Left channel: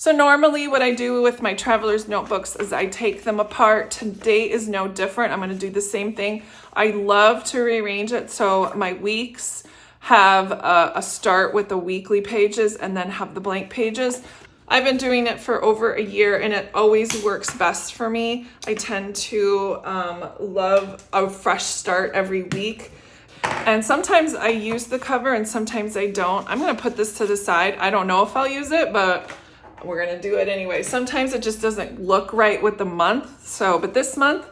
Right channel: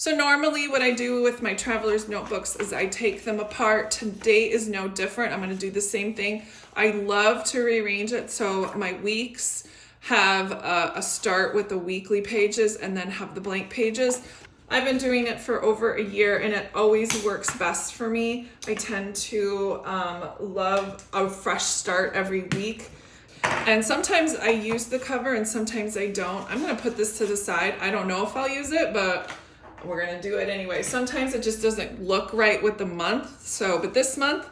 So normally what I do with my traveler's notebooks is I take them apart. Today is no different. I'm going to do the same thing. I love to rearrange it so my weeks have a start with the weekly pages and then have the blank pages. I've been doing it for over a year and it always works best for me. I tend to love a fresh start every week. And sometimes I use the cover and sometimes I don't. I'm going to put this to the side. I don't know if I'll use it, but we're going to do it anyway. Sometimes it just doesn't look right with the month. So, but this month,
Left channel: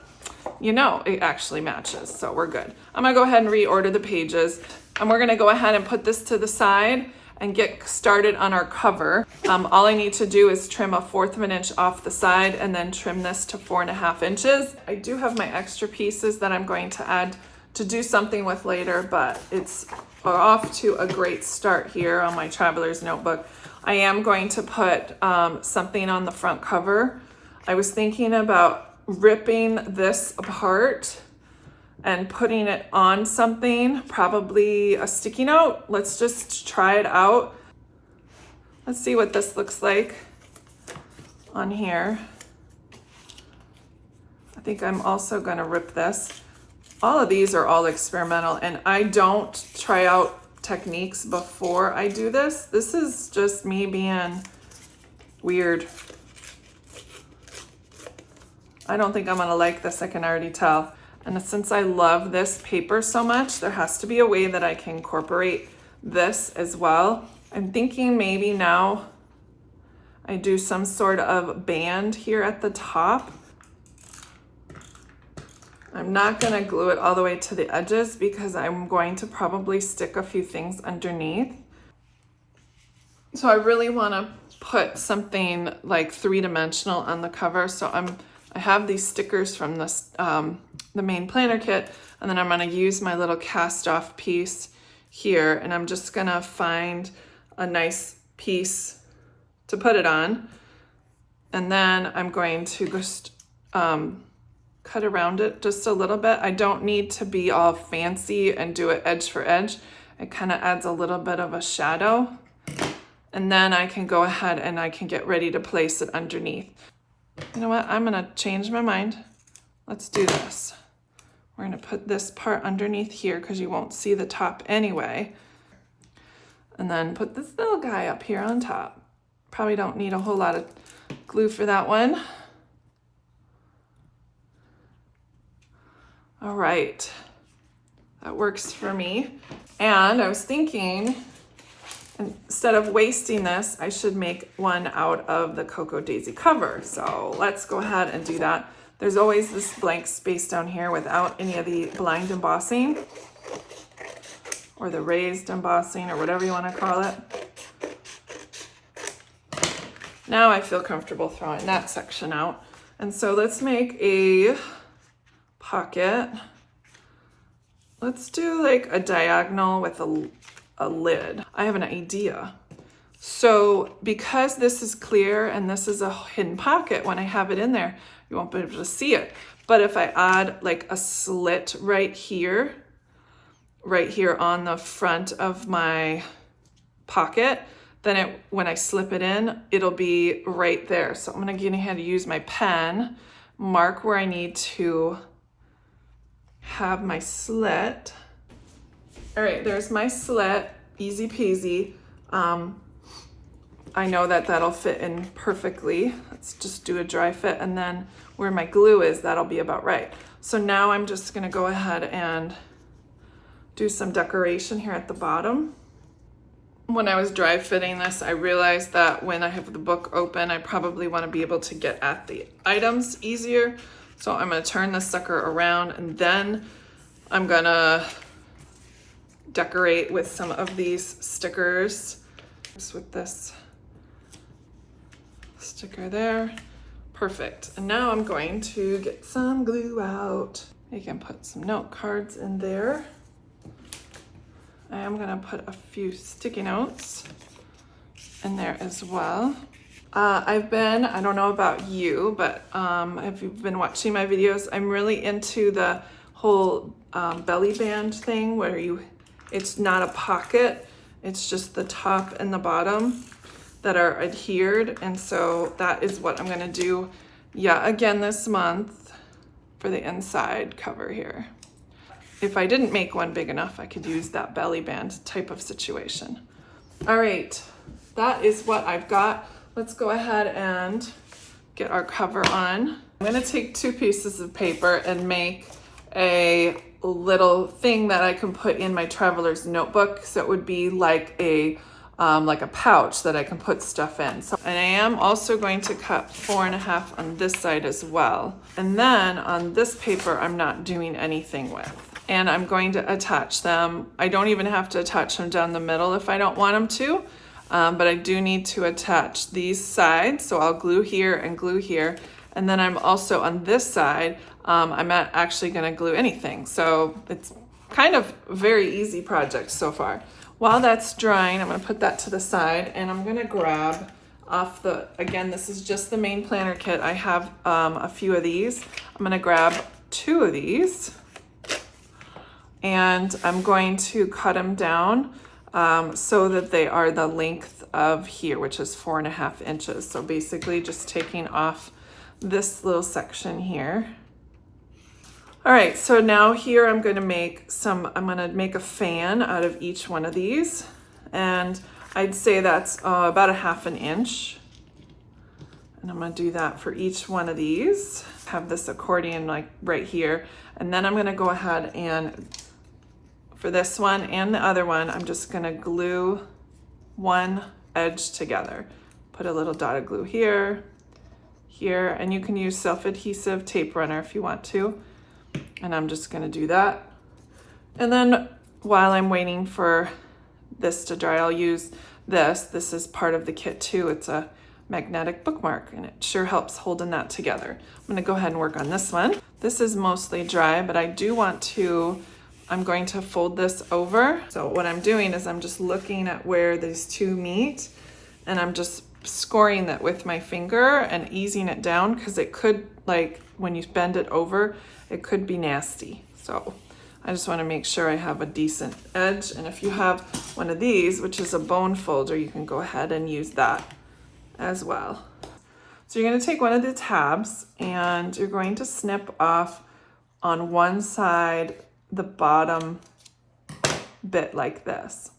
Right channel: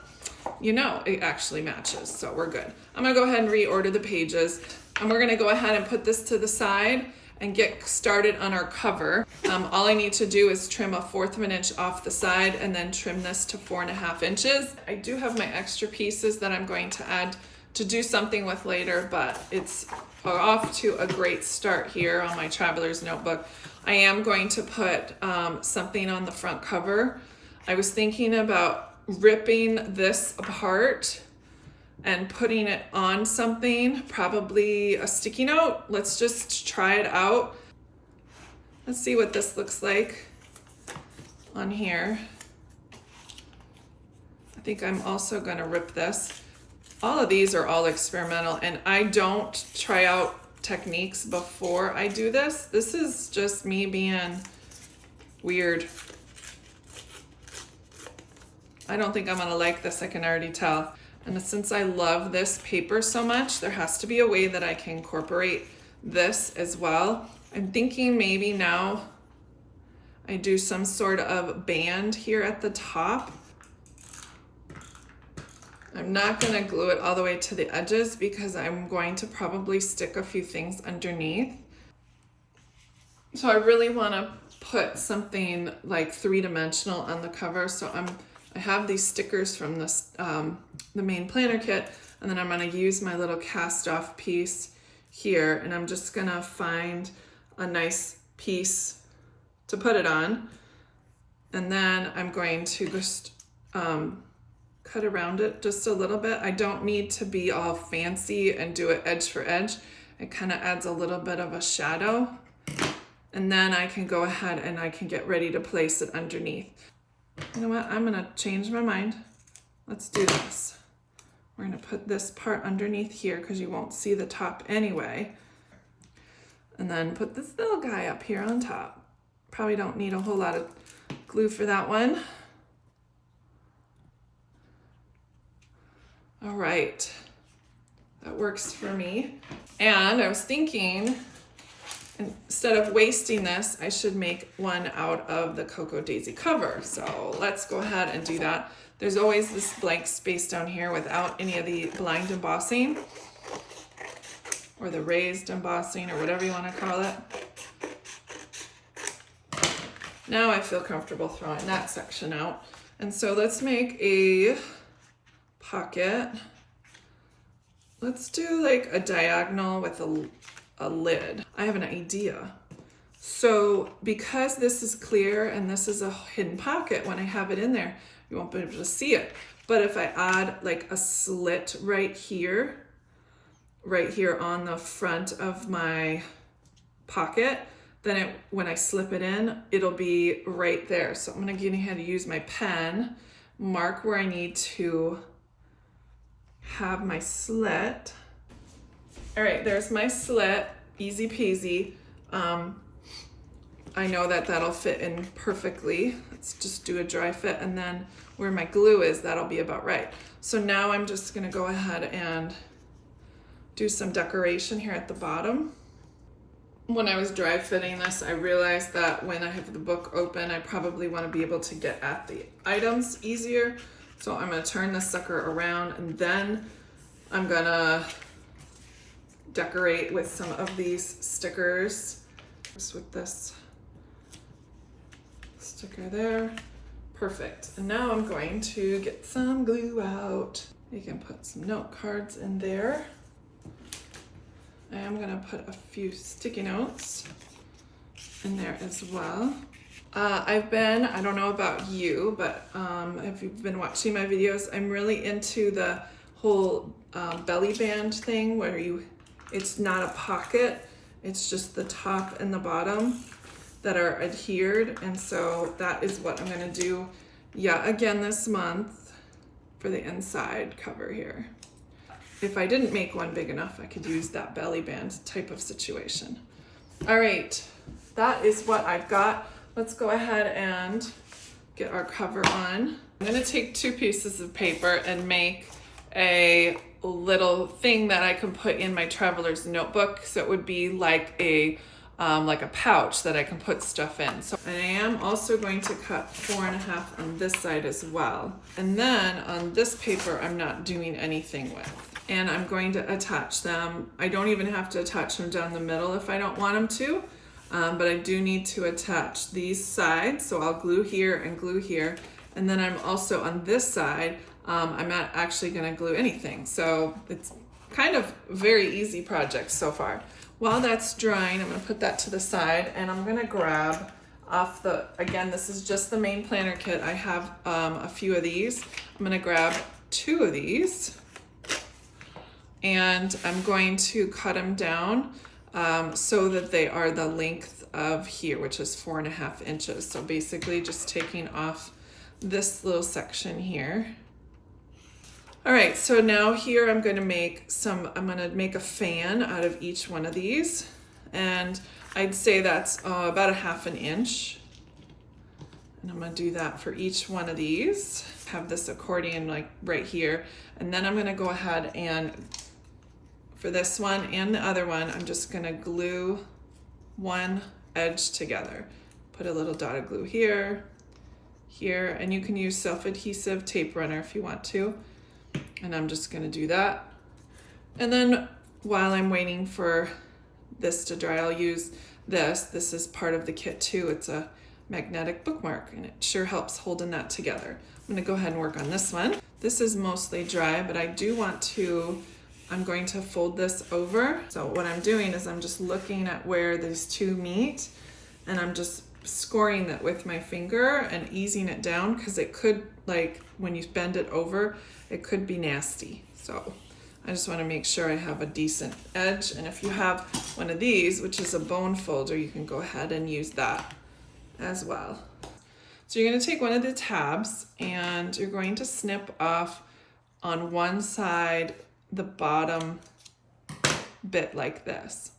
you know, it actually matches. So we're good. I'm going to go ahead and reorder the pages. And we're going to go ahead and put this to the side and get started on our cover. All I need to do is trim 1/4 of an inch off the side and then trim this to 4.5 inches. I do have my extra pieces that I'm going to add to do something with later, but it's off to a great start here on my traveler's notebook. I am going to put something on the front cover. I was thinking about ripping this apart and putting it on something, probably a sticky note. Let's just try it out. Let's see what this looks like on here. I think I'm also gonna rip this. All of these are all experimental and I don't try out techniques before I do this. This is just me being weird. I don't think I'm gonna like this, I can already tell. And since I love this paper so much, there has to be a way that I can incorporate this as well. I'm thinking maybe now I do some sort of band here at the top. I'm not gonna glue it all the way to the edges because I'm going to probably stick a few things underneath. So I really wanna put something like 3-dimensional on the cover. So I have these stickers from this, the main planner kit, and then I'm gonna use my little cast off piece here and I'm just gonna find a nice piece to put it on. And then I'm going to just cut around it just a little bit. I don't need to be all fancy and do it edge for edge. It kind of adds a little bit of a shadow. And then I can go ahead and I can get ready to place it underneath. You know what, I'm gonna change my mind. Let's do this. We're gonna put this part underneath here because you won't see the top anyway. And then put this little guy up here on top. Probably don't need a whole lot of glue for that one. All right, that works for me. And I was thinking, instead of wasting this, I should make one out of the Cocoa Daisy cover. So let's go ahead and do that. There's always this blank space down here without any of the blind embossing or the raised embossing or whatever you want to call it. Now I feel comfortable throwing that section out. And so let's make a pocket. Let's do like a diagonal with a lid. I have an idea. So because this is clear and this is a hidden pocket, when I have it in there, you won't be able to see it. But if I add like a slit right here on the front of my pocket, then when I slip it in, it'll be right there. So I'm gonna get ahead and use my pen, mark where I need to have my slit. All right, there's my slit, easy peasy. I know that that'll fit in perfectly. Let's just do a dry fit, and then where my glue is, that'll be about right. So now I'm just gonna go ahead and do some decoration here at the bottom. When I was dry fitting this, I realized that when I have the book open, I probably wanna be able to get at the items easier. So I'm gonna turn this sucker around and then I'm gonna decorate with some of these stickers. Just with this sticker there. Perfect. And now I'm going to get some glue out. You can put some note cards in there. I am gonna put a few sticky notes in there as well. I don't know about you, but if you've been watching my videos, I'm really into the whole belly band thing where it's not a pocket, it's just the top and the bottom. that are adhered, and so that is what I'm gonna do again this month for the inside cover here. If I didn't make one big enough, I could use that belly band type of situation. All right, that is what I've got. Let's go ahead and get our cover on. I'm gonna take 2 pieces of paper and make a little thing that I can put in my traveler's notebook. So it would be like a pouch that I can put stuff in. So, and I am also going to cut 4.5 on this side as well. And then on this paper, I'm not doing anything with. And I'm going to attach them. I don't even have to attach them down the middle if I don't want them to, but I do need to attach these sides. So I'll glue here and glue here. And then I'm also on this side, I'm not actually gonna glue anything. So it's kind of a very easy project so far. While that's drying, I'm gonna put that to the side, and I'm gonna grab off again, this is just the main planner kit. I have a few of these. I'm gonna grab 2 of these, and I'm going to cut them down so that they are the length of here, which is 4.5 inches. So basically just taking off this little section here. All right, so now here I'm gonna make a fan out of each one of these. And I'd say that's about 1/2 inch. And I'm gonna do that for each one of these. Have this accordion like right here. And then I'm gonna go ahead and, for this one and the other one, I'm just gonna glue one edge together. Put a little dot of glue here, here, and you can use self-adhesive tape runner if you want to. And I'm just gonna do that. And then while I'm waiting for this to dry, I'll use this. This is part of the kit too. It's a magnetic bookmark, and it sure helps holding that together. I'm gonna go ahead and work on this one. This is mostly dry, but I'm going to fold this over. So what I'm doing is I'm just looking at where these 2 meet, and I'm just scoring that with my finger and easing it down, because it could, like when you bend it over, it could be nasty. So I just want to make sure I have a decent edge. And if you have one of these, which is a bone folder, you can go ahead and use that as well. So you're going to take one of the tabs and you're going to snip off on one side the bottom bit like this.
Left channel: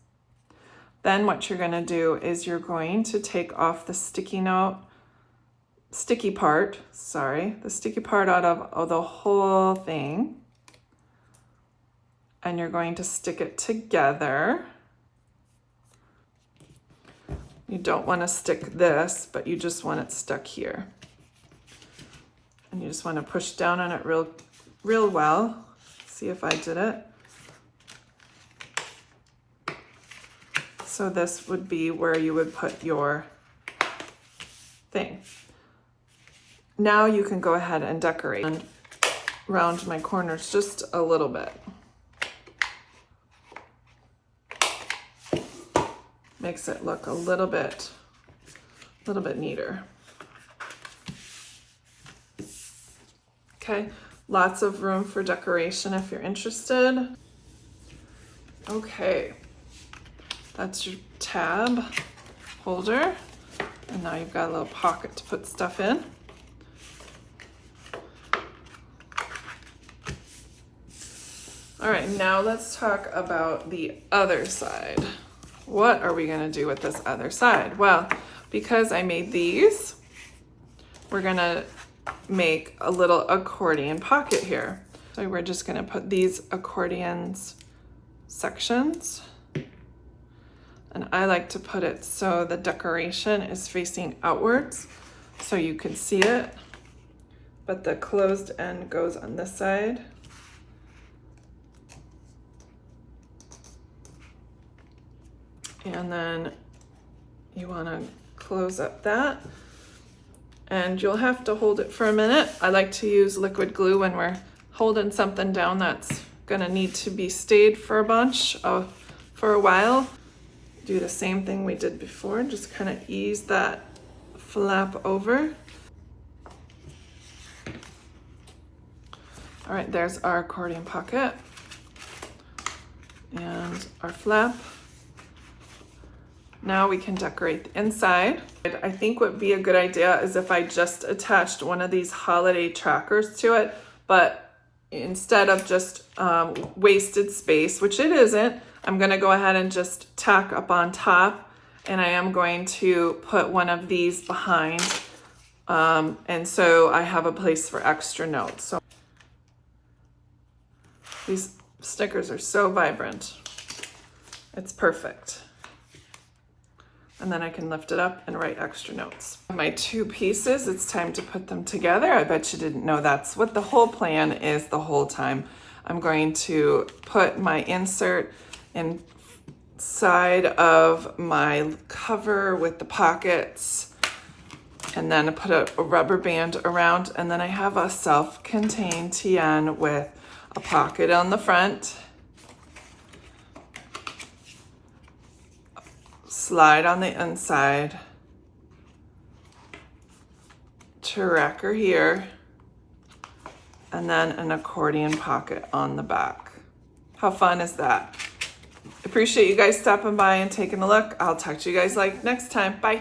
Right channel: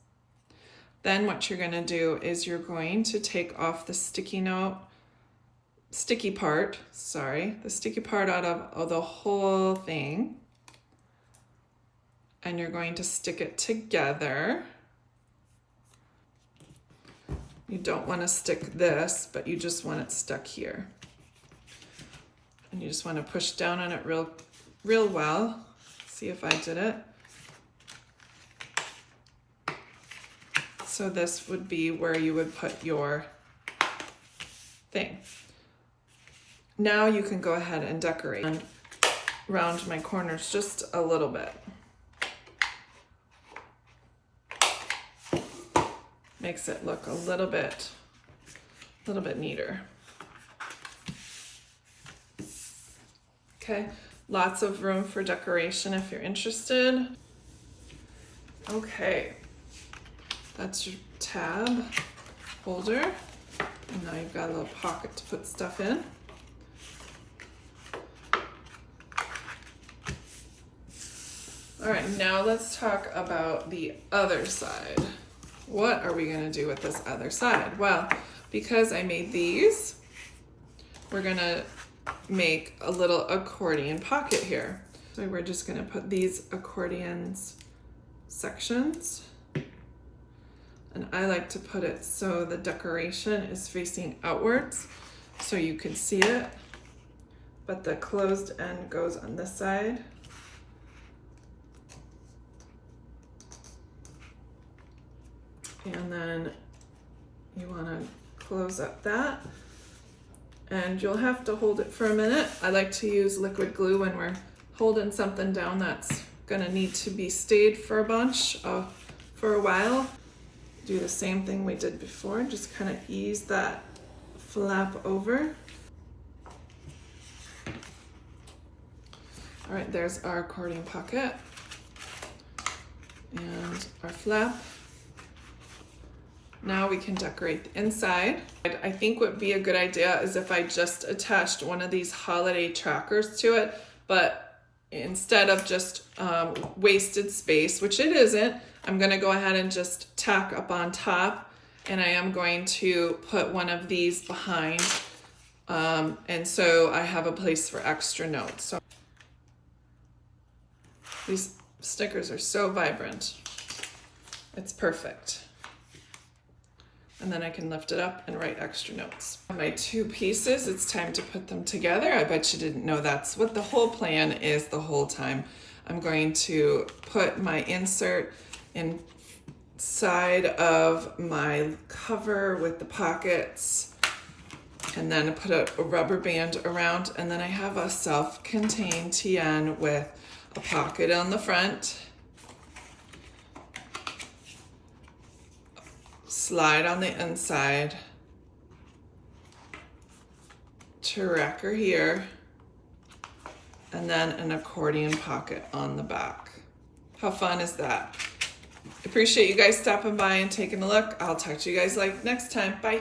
Then what you're going to do is you're going to take off the sticky part out of the whole thing, and you're going to stick it together. You don't want to stick this, but you just want it stuck here. And you just want to push down on it real well. See if I did it. So this would be where you would put your thing. Now you can go ahead and decorate and round my corners just a little bit. Makes it look a little bit neater. Okay, lots of room for decoration if you're interested. Okay, that's your tab holder. And now you've got a little pocket to put stuff in. All right, now let's talk about the other side. What are we gonna do with this other side? Well, because I made these, we're gonna make a little accordion pocket here. So we're just gonna put these accordions sections. And I like to put it so the decoration is facing outwards so you can see it, but the closed end goes on this side. And then you want to close up that, and you'll have to hold it for a minute. I like to use liquid glue when we're holding something down that's gonna need to be stayed for a while. Do the same thing we did before, just kind of ease that flap over. All right, there's our accordion pocket and our flap. Now we can decorate the inside. I think what would be a good idea is if I just attached one of these holiday trackers to it, but instead of just wasted space, which it isn't, I'm gonna go ahead and just tack up on top, and I am going to put one of these behind, and so I have a place for extra notes. So these stickers are so vibrant. It's perfect. And then I can lift it up and write extra notes. My two pieces, it's time to put them together. I bet you didn't know that's what the whole plan is the whole time. I'm going to put my insert inside of my cover with the pockets, and then put a rubber band around, and then I have a self-contained TN with a pocket on the front, slide on the inside, tracker here, and then an accordion pocket on the back. How fun is that? Appreciate you guys stopping by and taking a look. I'll talk to you guys like next time. Bye.